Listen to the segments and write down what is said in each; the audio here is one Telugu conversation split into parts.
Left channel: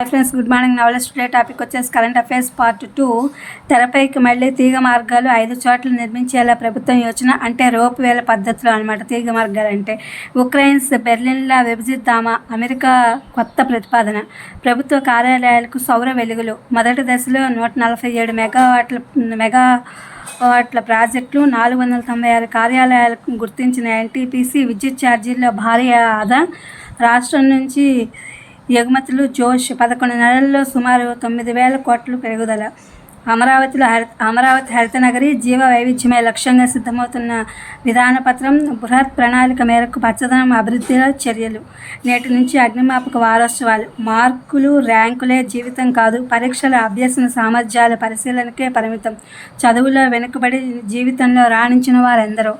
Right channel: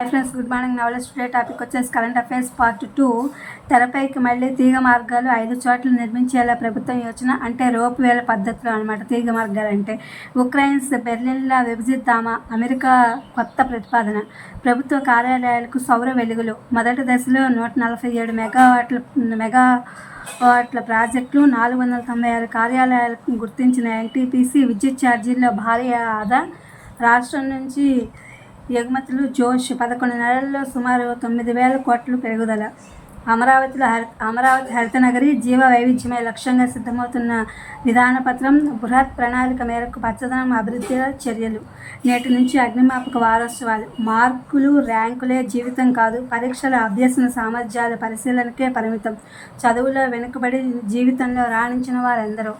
Hi friends, good morning. నవలెస్ టుడే టాపిక్ వచ్చేసి కరెంట్ అఫైర్స్ పార్ట్ 2. తెరపైకి మళ్ళీ తీగ మార్గాలు 5 చోట్ల నిర్మించేలా ప్రభుత్వం యోచన. అంటే రోప్ వేల పద్ధతిలో అనమాట తీగ మార్గాలు అంటే. ఉక్రెయిన్స్ బెర్లిన్లా విభజిద్దామా, అమెరికా కొత్త ప్రతిపాదన. ప్రభుత్వ కార్యాలయాలకు సౌర వెలుగులు. మొదటి దశలో 147 మెగావాట్ల ప్రాజెక్టులు, 496 కార్యాలయాలకు గుర్తించిన ఎన్టీపీసీ. విద్యుత్ ఛార్జీల్లో భారీ ఆదా. రాష్ట్రం నుంచి ఎగుమతులు జోష్. 11 నెలల్లో సుమారు 9,000 కోట్లు పెరుగుదల. అమరావతి హరితనగరి జీవ వైవిధ్యమే లక్ష్యంగా సిద్ధమవుతున్న విధానపత్రం. బృహత్ ప్రణాళిక మేరకు పచ్చదనం అభివృద్ధిలో చర్యలు. నేటి నుంచి అగ్నిమాపక వారోత్సవాలు. మార్కులు ర్యాంకులే జీవితం కాదు, పరీక్షల అభ్యసన సామర్థ్యాల పరిశీలనకే పరిమితం. చదువులో వెనుకబడి జీవితంలో రాణించిన వారెందరో.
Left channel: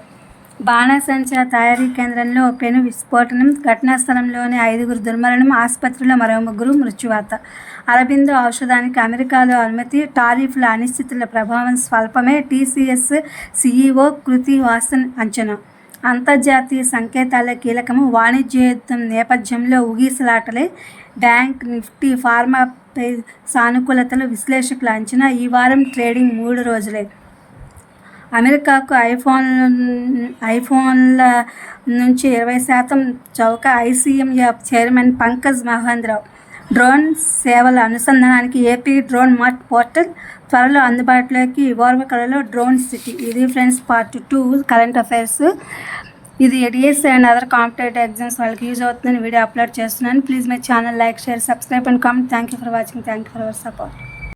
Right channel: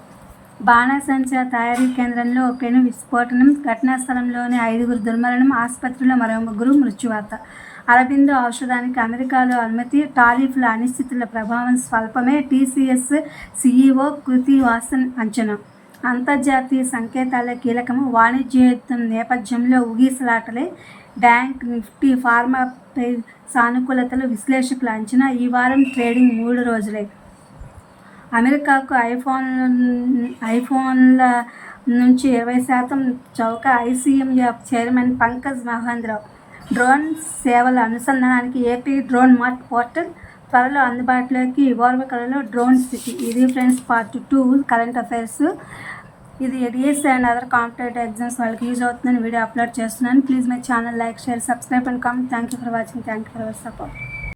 బాణాసంచా తయారీ కేంద్రంలో పెను విస్ఫోటనం. ఘటనా స్థలంలోనే 5 దుర్మరణం. ఆసుపత్రిలో మరో 3 మృత్యువాత. అరబిందో ఔషధానికి అమెరికాలో అనుమతి. టారిఫ్ల అనిశ్చితుల ప్రభావం స్వల్పమే. టీసీఎస్ సీఈఓ కృతి వాసన్ అంచనా. అంతర్జాతీయ సంకేతాలే కీలకము. వాణిజ్య యుద్ధం నేపథ్యంలో ఊగిసలాటలే. బ్యాంక్ నిఫ్టీ ఫార్మాపై సానుకూలతలు విశ్లేషకుల అంచనా. ఈ వారం ట్రేడింగ్ 3 రోజులే. అమెరికాకు ఐఫోన్ల నుంచి 20% చౌక. ఐసీఎంఎఫ్ చైర్మన్ పంకజ్ మహేంద్ర. డ్రోన్ సేవల అనుసంధానానికి ఏపీ డ్రోన్ మార్ట్ పోర్టల్ త్వరలో అందుబాటులోకి. ఓర్వకలలో డ్రోన్ సిటీ. ఇది ఫ్రెండ్స్ పార్ట్ 2 కరెంట్ అఫైర్స్. ఇది DSC and other competitive exams వాళ్ళకి యూజ్ అవుతుందని వీడియో అప్లోడ్ చేస్తున్నాను. Please my channel like, share, subscribe and comment. Thank you for watching. Thank you for our support.